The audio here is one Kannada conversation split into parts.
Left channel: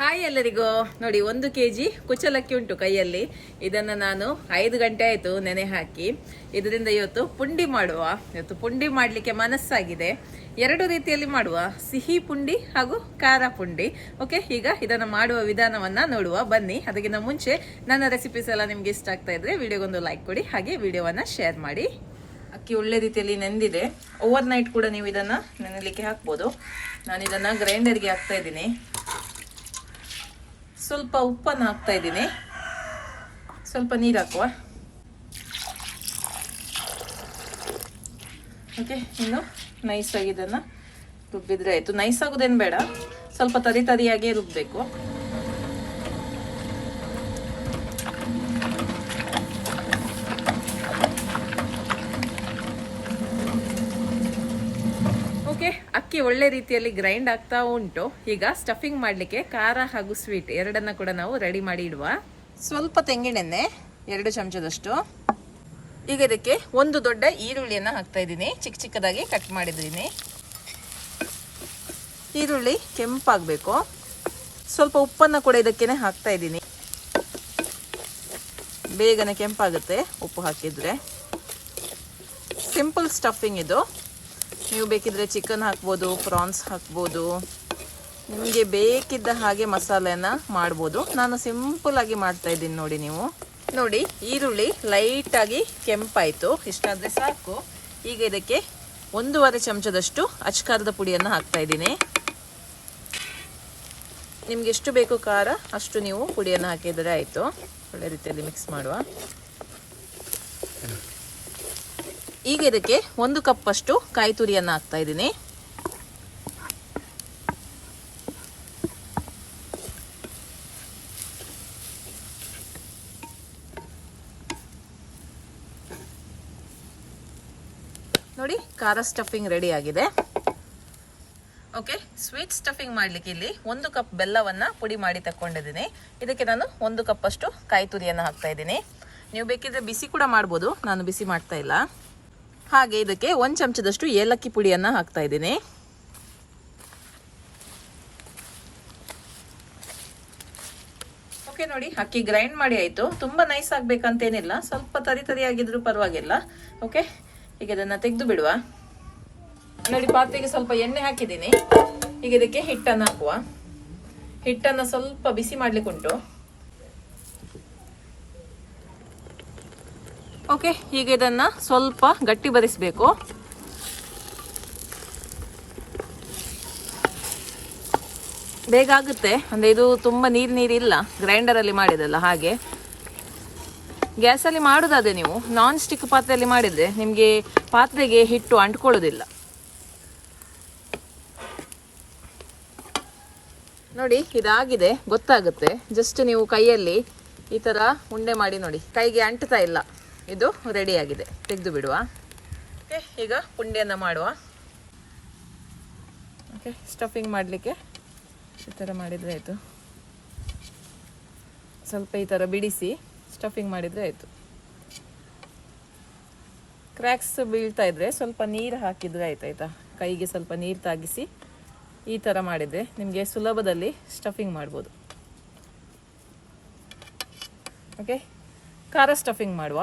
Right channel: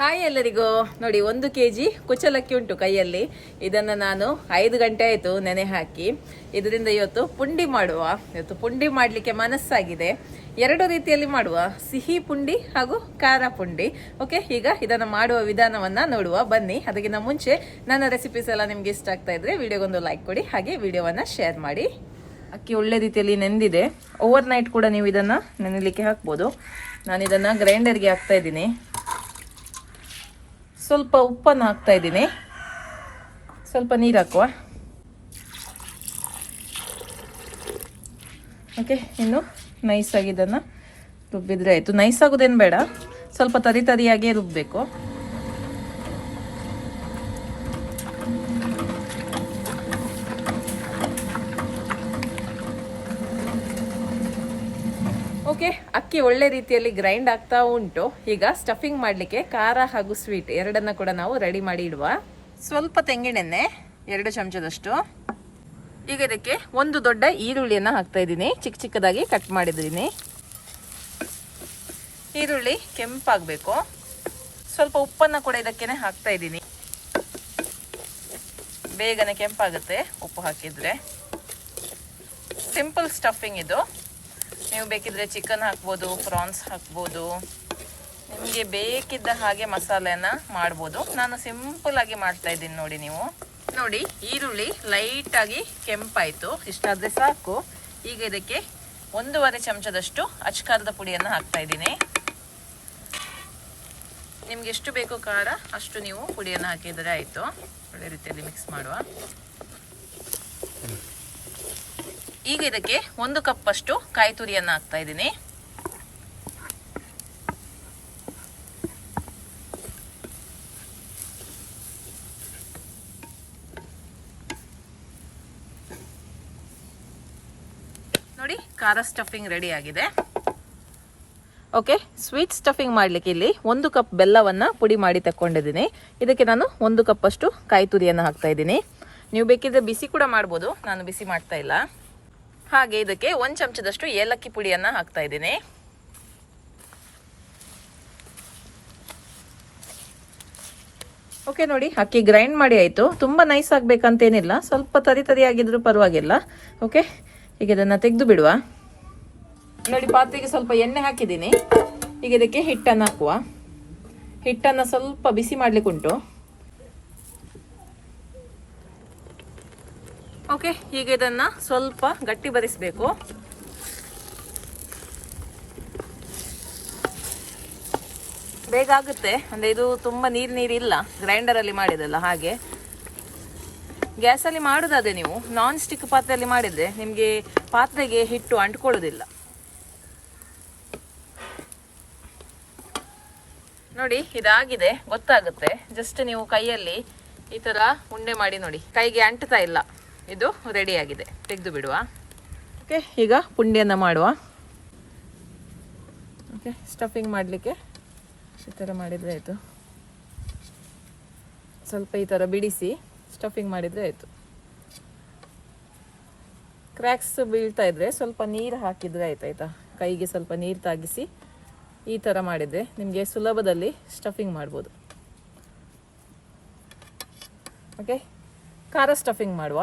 ಹಾಯ್ ಎಲ್ಲರಿಗೂ. ನೋಡಿ 1 ಕೆಜಿ ಕುಚ್ಚಲಕ್ಕಿ ಉಂಟು ಕೈಯಲ್ಲಿ. ಇದನ್ನು ನಾನು 5 ಗಂಟೆ ಆಯ್ತು ನೆನೆ ಹಾಕಿ. ಇದರಿಂದ ಇವತ್ತು ಪುಂಡಿ ಮಾಡುವ. ಇವತ್ತು ಪುಂಡಿ ಮಾಡಲಿಕ್ಕೆ ಮನಸ್ಸಾಗಿದೆ. 2 ರೀತಿಯಲ್ಲಿ ಮಾಡುವ, ಸಿಹಿ ಪುಂಡಿ ಹಾಗೂ ಖಾರ ಪುಂಡಿ. ಓಕೆ, ಈಗ ಇದನ್ನು ಮಾಡುವ ವಿಧಾನವನ್ನ ನೋಡುವ ಬನ್ನಿ. ಅದಕ್ಕಿಂತ ಮುಂಚೆ ನನ್ನ ರೆಸಿಪೀಸ್ ಎಲ್ಲ ನಿಮ್ಗೆ ಇಷ್ಟ ಆಗ್ತಾ ಇದ್ರೆ ವಿಡಿಯೋಗೊಂದು ಲೈಕ್ ಕೊಡಿ, ಹಾಗೆ ವಿಡಿಯೋವನ್ನ ಶೇರ್ ಮಾಡಿ. ಅಕ್ಕಿ ಒಳ್ಳೆ ರೀತಿಯಲ್ಲಿ ನೆಂದಿದೆ. ಓವರ್ ನೈಟ್ ಕೂಡ ನೀವು ಇದನ್ನ ನೆನೆಲಿಕ್ಕೆ ಹಾಕ್ಬೋದು. ನಾನು ಇದನ್ನ ಗ್ರೈಂಡರ್ಗೆ ಹಾಕ್ತಾ ಇದ್ದೀನಿ. ಸ್ವಲ್ಪ ಉಪ್ಪನ್ನು ಹಾಕ್ತಾ ಇದ್ದೀನಿ. ಸ್ವಲ್ಪ ನೀರು ಹಾಕುವ. ಓಕೆ, ಇನ್ನು ನೈಸಾಗಿ ಇದನ್ನು ರುಬ್ಬಿದ್ರೆ ಆಯಿತು. ನೈಸ್ ಆಗೋದೇನು ಬೇಡ, ಸ್ವಲ್ಪ ತರಿಯಾಗಿಯೇ ರುಬ್ಬಬೇಕು. ಓಕೆ, ಅಕ್ಕಿ ಒಳ್ಳೆ ರೀತಿಯಲ್ಲಿ ಗ್ರೈಂಡ್ ಆಗ್ತಾ ಉಂಟು. ಈಗ ಸ್ಟಫಿಂಗ್ ಮಾಡಲಿಕ್ಕೆ ಖಾರ ಹಾಗೂ ಸ್ವೀಟ್ ಎರಡನ್ನ ಕೂಡ ನಾವು ರೆಡಿ ಮಾಡಿ ಇಡುವ. ಸ್ವಲ್ಪ ತೆಂಗಿನೆಣ್ಣೆ 2 ಚಮಚದಷ್ಟು. ಈಗ ಇದಕ್ಕೆ 1 ದೊಡ್ಡ ಈರುಳ್ಳಿಯನ್ನ ಹಾಕ್ತಾ ಇದ್ದೀನಿ. ಚಿಕ್ಕದಾಗಿ ಕಟ್ ಮಾಡಿದ್ದೀನಿ. ಈರುಳ್ಳಿ ಕೆಂಪಾಗಬೇಕು. ಸ್ವಲ್ಪ ಉಪ್ಪನ್ನ ಕೂಡ ಇದಕ್ಕೇನೆ ಹಾಕ್ತಾ ಇದ್ದೀನಿ. ಬೇಗನೆ ಕೆಂಪಾಗುತ್ತೆ ಉಪ್ಪು ಹಾಕಿದ್ರೆ. ಸಿಂಪಲ್ ಸ್ಟಫಿಂಗ್ ಇದು. ನೀವು ಬೇಕಿದ್ರೆ ಚಿಕನ್ ಹಾಕ್ಬೋದು, ಪ್ರಾನ್ಸ್ ಹಾಕ್ಬೋದು, ನಿಮಗೆ ಬೇಕಿದ್ದ ಹಾಗೆ ಮಸಾಲೆಯನ್ನ ಮಾಡ್ಬೋದು. ನಾನು ಸಿಂಪಲ್ ಆಗಿ ಮಾಡ್ತಾ ಇದ್ದೀನಿ. ನೋಡಿ ಈರುಳ್ಳಿ ಲೈಟ್ ಆಗಿ ಕೆಂಪಾಯಿತು. ಇಷ್ಟಾದ್ರೆ ಸಾಕು. ಈಗ ಇದಕ್ಕೆ 1.5 ಚಮಚದಷ್ಟು ಅಚ್ಕಾರದ ಪುಡಿಯನ್ನು ಹಾಕ್ತಾ ಇದ್ದೀನಿ. ನಿಮ್ಗೆ ಎಷ್ಟು ಬೇಕು ಖಾರ ಅಷ್ಟು ನೀವು ಪುಡಿಯನ್ನು ಹಾಕಿದರೆ ಆಯಿತು. ಒಳ್ಳೆ ರೀತಿಯಲ್ಲಿ ಮಿಕ್ಸ್ ಮಾಡುವ. ಈಗ ಇದಕ್ಕೆ 1 ಕಪ್ ಅಷ್ಟು ಕಾಯಿ ತುರಿಯನ್ನು ಹಾಕ್ತಾ ಇದ್ದೀನಿ. ನೋಡಿ, ಖಾರ ಸ್ಟಫಿಂಗ್ ರೆಡಿ ಆಗಿದೆ. ಓಕೆ, ಸ್ವೀಟ್ ಸ್ಟಫಿಂಗ್ ಮಾಡಲಿಕ್ಕೆ ಇಲ್ಲಿ 1 ಕಪ್ ಬೆಲ್ಲವನ್ನು ಪುಡಿ ಮಾಡಿ ತಗೊಂಡಿದ್ದೀನಿ. ಇದಕ್ಕೆ ನಾನು 1 ಕಪ್ ಅಷ್ಟು ಕಾಯಿ ತುರಿಯನ್ನು ಹಾಕ್ತಾ ಇದ್ದೀನಿ. ನೀವು ಬೇಕಿದ್ರೆ ಬಿಸಿ ಕೂಡ ಮಾಡ್ಬೋದು, ನಾನು ಬಿಸಿ ಮಾಡ್ತಾ ಇಲ್ಲ. ಹಾಗೆ ಇದಕ್ಕೆ 1 ಚಮಚದಷ್ಟು ಏಲಕ್ಕಿ ಪುಡಿಯನ್ನ ಹಾಕ್ತಾ ಇದ್ದೀನಿ. ಓಕೆ, ನೋಡಿ ಅಕ್ಕಿ ಗ್ರೈಂಡ್ ಮಾಡಿ ಆಯ್ತು. ತುಂಬಾ ನೈಸ್ ಆಗ್ಬೇಕಂತೇನಿಲ್ಲ, ಸ್ವಲ್ಪ ತರಿಯಾಗಿದ್ರು ಪರವಾಗಿಲ್ಲ. ಓಕೆ, ಈಗ ಇದನ್ನ ತೆಗೆದು ಬಿಡುವ. ನೋಡಿ, ಪಾತ್ರೆಗೆ ಸ್ವಲ್ಪ ಎಣ್ಣೆ ಹಾಕಿದ್ದೀನಿ. ಈಗ ಇದಕ್ಕೆ ಹಿಟ್ಟನ್ನು ಹಾಕುವ. ಹಿಟ್ಟನ್ನು ಸ್ವಲ್ಪ ಬಿಸಿ ಮಾಡ್ಲಿಕ್ಕೆ ಉಂಟು. ಓಕೆ, ಈಗ ಇದನ್ನ ಸ್ವಲ್ಪ ಗಟ್ಟಿ ಬರಿಸಬೇಕು. ಬೇಗ ಆಗುತ್ತೆ, ಅಂದ್ರೆ ಇದು ತುಂಬಾ ನೀರಿಲ್ಲ, ಗ್ರೈಂಡರಲ್ಲಿ ಮಾಡಿದಲ್ಲ. ಹಾಗೆ ಗ್ಯಾಸಲ್ಲಿ ಮಾಡುದಾದ್ರೆ ನೀವು ನಾನ್ ಸ್ಟಿಕ್ ಪಾತ್ರೆಯಲ್ಲಿ ಮಾಡಿದ್ರೆ ನಿಮಗೆ ಪಾತ್ರೆಗೆ ಹಿಟ್ಟು ಅಂಟ್ಕೊಳ್ಳೋದಿಲ್ಲ. ನೋಡಿ, ಇದಾಗಿದೆ, ಗೊತ್ತಾಗುತ್ತೆ. ಜಸ್ಟ್ ನೀವು ಕೈಯಲ್ಲಿ ಈ ತರ ಉಂಡೆ ಮಾಡಿ ನೋಡಿ, ಕೈಗೆ ಅಂಟ್ತಾ ಇಲ್ಲ. ಇದು ರೆಡಿ ಆಗಿದೆ, ತೆಗೆದು ಬಿಡುವ. ಓಕೆ, ಈಗ ಪುಂಡಿಯನ್ನು ಮಾಡುವ. ಓಕೆ, ಸ್ಟಫಿಂಗ್ ಮಾಡಲಿಕ್ಕೆ ಈ ಥರ ಮಾಡಿದರೆ ಆಯಿತು. ಸ್ವಲ್ಪ ಈ ಥರ ಬಿಡಿಸಿ ಸ್ಟಫಿಂಗ್ ಮಾಡಿದರೆ ಆಯಿತು. ಕ್ರ್ಯಾಕ್ಸ್ ಬೀಳ್ತಾ ಇದ್ರೆ ಸ್ವಲ್ಪ ನೀರು ಹಾಕಿದರೆ ಆಯ್ತಾಯ್ತಾ. ಕೈಗೆ ಸ್ವಲ್ಪ ನೀರು ತಾಗಿಸಿ ಈ ಥರ ಮಾಡಿದರೆ ನಿಮಗೆ ಸುಲಭದಲ್ಲಿ ಸ್ಟಫಿಂಗ್ ಮಾಡ್ಬೋದು. ಓಕೆ, ಖಾರ ಸ್ಟಫಿಂಗ್ ಮಾಡುವ.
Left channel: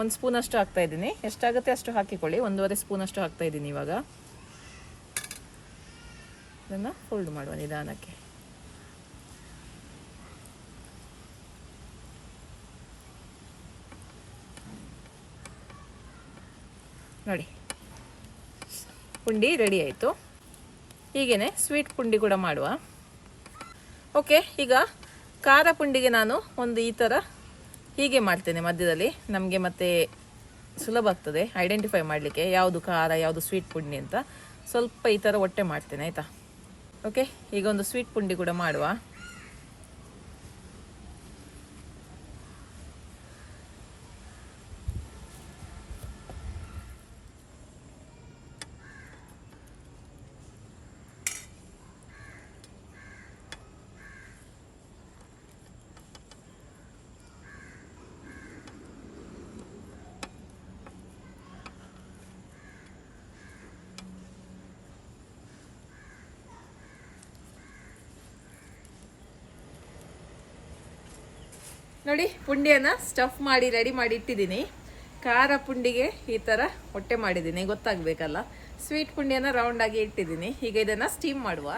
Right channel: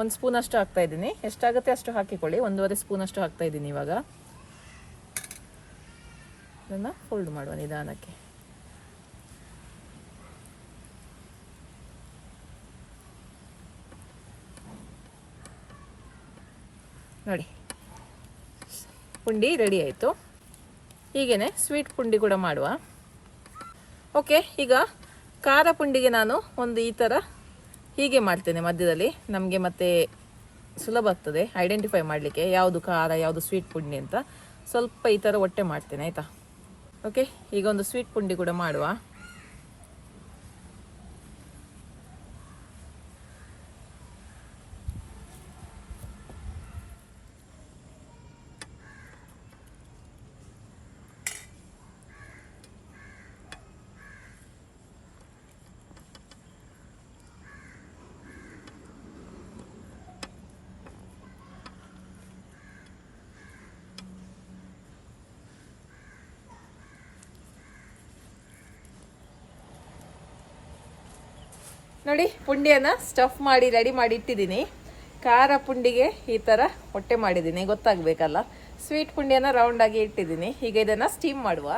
1 ಸ್ಪೂನ್ ಅಷ್ಟು ಹಾಕ್ತಾ ಇದ್ದೀನಿ. ಎಷ್ಟಾಗುತ್ತೆ ಅಷ್ಟು ಹಾಕಿಕೊಳ್ಳಿ. 1.5 ಸ್ಪೂನ್ ಅಷ್ಟು ಹಾಕ್ತಾ ಇದ್ದೀನಿ. ಇವಾಗ ಇದನ್ನು ಫೋಲ್ಡ್ ಮಾಡುವ ನಿಧಾನಕ್ಕೆ. ನೋಡಿ, ಪುಂಡಿ ರೆಡಿ ಆಯಿತು. ಹೀಗೇನೆ ಸ್ವೀಟ್ ಪುಂಡಿ ಕೂಡ ಮಾಡುವ. ಓಕೆ, ಈಗ ಖಾರ ಪುಂಡಿಗೆ ನಾನು ಒಂದು ಈ ಥರ ಹೀಗೆ ಮಾಡ್ತೇನೆ ಮಧ್ಯದಲ್ಲಿ. ನಮಗೆ ಮತ್ತೆ ಸುಲಭ ಆಗ್ತದೆ ಐಡೆಂಟಿಫೈ ಮಾಡಲಿಕ್ಕೆ ಯಾವುದು ಖಾರ ಯಾವುದು ಸ್ವೀಟ್ ಪುಂಡಿ ಅಂತ. ಸ್ವಲ್ಪ ಈ ಥರ ಒಟ್ಟೆ ಮಾಡ್ತೇನೆ, ಆಯಿತಾ. ಓಕೆ, ಈಗ ಒಂದು ಸ್ವೀಟ್ ಪುಂಡಿ ಕೂಡ ಮಾಡುವ. ನೋಡಿ ಪುಂಡಿಯನ್ನು ಸ್ಟಫ್ ಮಾಡಿ ರೆಡಿ ಮಾಡಿ ಇಟ್ಟಿದ್ದೀನಿ. ಖಾರ ಪುಂಡಿಗೆ ಈ ಥರ ಹೊಟ್ಟೆ ಮಾಡಿದ್ದೀನಿ, ಗೊತ್ತಾಗಬೇಕಲ್ಲ. ಸ್ವೀಟ್ ಪುಂಡಿಯನ್ನು ರೌಂಡಾಗಿ ಇಟ್ಟಿದ್ದೀನಿ. ಈಗ ಇದನ್ನು ಸ್ಟೀಮ್ ಮಾಡುವ.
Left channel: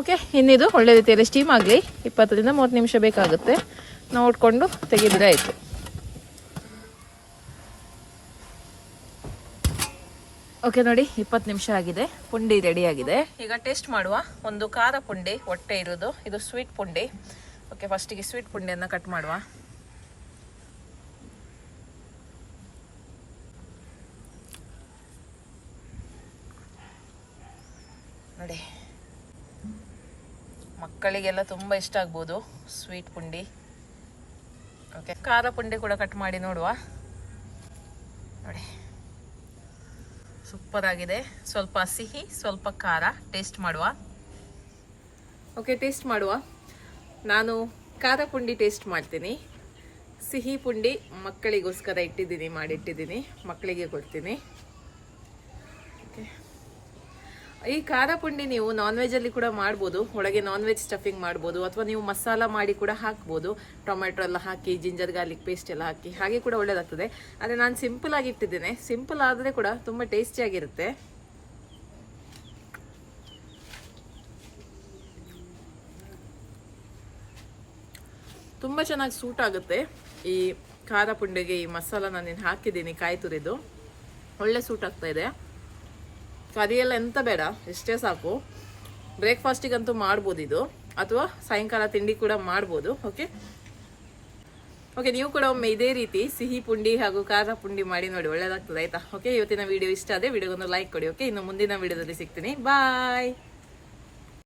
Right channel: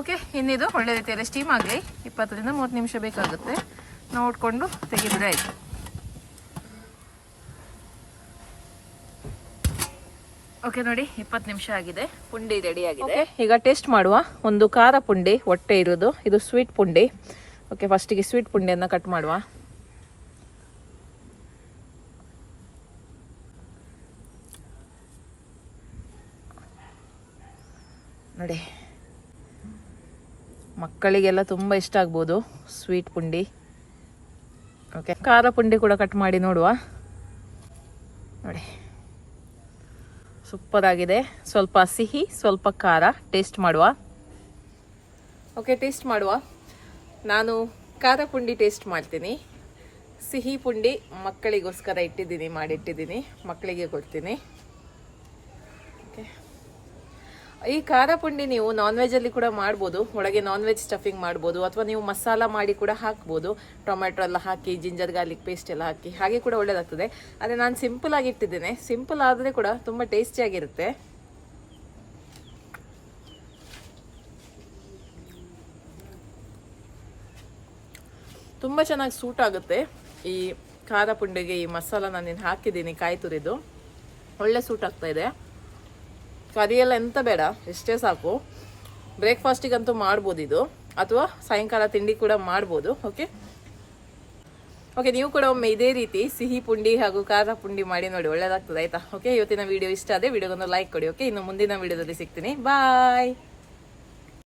ಓಕೆ, ಇನ್ನಿದು ಒಳ್ಳೆ ರೀತಿಯಲ್ಲಿ ಸ್ಟೀಮ್ ಆಗಲಿ. 20 ರಿಂದ 30 ನಿಮಿಷ ಬೇಕಾಗುತ್ತೆ. ನೋಡಿಕೊಂಡು ತೆಗೆದ್ರೆ ಆಯಿತು. ಓಕೆ ನೋಡಿ, 20 ನಿಮಿಷ ಆಗಿದೆ. ಪುಂಡಿ ರೆಡಿ ಆಗಿದೆ. ಈಗ ಟೇಸ್ಟ್ ಮಾಡುವ. ಒಂದು ಖಾರ ಪುಂಡಿ ಹೊಟ್ಟೆ ಇರೋದು, ಇದು ಸ್ವೀಟ್ ಪುಂಡಿ. ಓಕೆ, ಫಸ್ಟಿಗೆ ಸ್ವೀಟ್ ಪುಂಡಿಯನ್ನು ಕಟ್ ಮಾಡುವ. ನೋಡಿ, ಮಕ್ಕಳಿಗೆಲ್ಲ ತುಂಬ ಇಷ್ಟ ಆಗ್ಬೋದು ಸ್ವೀಟ್ ಪುಂಡಿ. ಓಕೆ, ಖಾರ ಪುಂಡಿ ಕೂಡ ಕಟ್ ಮಾಡಿ ನೋಡುವ. ನೋಡಿ, ಸೂಪರ್ ಆಗಿದೆ. ಸ್ವಲ್ಪ ಸಿಹಿ, ಸ್ವಲ್ಪ ಖಾರ. ಟೇಸ್ಟ್ ಮಾಡುವ. ಓಕೆ, ಟೇಸ್ಟ್ ಮಾಡುವ. ನಾನು ಖಾರ ಪುಂಡಿ ಟೇಸ್ಟ್ ಮಾಡ್ತೀನಿ. ಸಿಹಿ ಪುಂಡಿ ಮಕ್ಕಳಿಗೋಸ್ಕರ ಇಟ್ಟಿದ್ದೀನಿ, ಮಾಡಿಟ್ಟಿದ್ದೀನಿ, ಮಕ್ಕಳಿಗೆ ಕೊಡ್ತೀನಿ. ಓಕೆ, ಈ ಖಾರ ಪುಂಡಿ ನೀವು ನಾನ್ ವೆಜ್ ಅಲ್ಲಿ ಕೂಡ ಮಾಡ್ಬೋದು. ಒಳಗೆ ನಾನ್ ವೆಜ್ ಸ್ಟಫಿಂಗ್ ಮಾಡ್ಬೋದು, ಅಥವಾ ನೀವು ಮಸಾಲ ಮಾಡಿ ಕೂಡ ಹಾಕ್ಬೋದು. ಟೊಮೆಟೊ ಎಲ್ಲ ಹಾಕಿ, ಜಿಂಜರ್ ಗಾರ್ಲಿಕ್ ಪೇಸ್ಟ್ ಎಲ್ಲ ಹಾಕಿ, ಹಾಗೆ ಕೂಡ ಒಳ್ಳೇದಾಗ್ತದೆ. ಆದರೆ ನಾನು ಸಿಂಪಲ್ ಆಗಿ ಇಟ್ಟಿದ್ದೇನೆ. ಸಿಂಪಲ್ ಆದರೆ ಕೂಡ ತುಂಬ ಟೇಸ್ಟಿಯಾಗಿರುತ್ತೆ. ತುಂಬ ಚೆನ್ನಾಗಿ ಸೂಟ್ ಆಗುತ್ತೆ ಈ ಖಾರ ಪುಂಡಿಗೆ. ಈ ಮಸಾಲ ನಾನು ಹಾಕಿದ್ದೀನಿ, ಕಾಯಿ ತುರಿದು, ಒಳ್ಳೆ ಸೂಟ್ ಆಗ್ತಾ ಇದೆ. ಕರಿಯೆಲ್ಲ ಎಂತ ಬೇಡ, ಇಷ್ಟೇ ಸಾಕು. ಬ್ರೇಕ್ಫಾಸ್ಟಿಗಂತೂ ಮಾಡ್ಬೋದು ಇದು, ಅಥವಾ ಸಾಯಂಕಾಲ ತಿಂಡಿ ಕೂಡ ಮಾಡ್ಬೋದು. ಓಕೆ ಓಕೆ, ನೀವು ಕೂಡ ಒಮ್ಮೆ ಇದೇ ರೀತಿ ಸಿಹಿ ಪುಂಡಿ ಹಾಗೂ ಖಾರ ಪುಂಡಿ ಮಾಡಿ ನೋಡಿ, ಒಳ್ಳೇದಾಗ್ತದೆ ಆಯ್ತಾ. ಓಕೆ, ಇವತ್ತಿನ ವಿಡಿಯೋ ಇಷ್ಟ ಆದರೆ ವಿಡಿಯೋಗೊಂದು ಲೈಕ್ ಕೊಡಿ. ಓಕೆ, ಇನ್ನು ಮುಂದಿನ ವಿಡಿಯೋದಲ್ಲಿ ಸಿಗ್ತೀನಿ. ಬಾಯ್.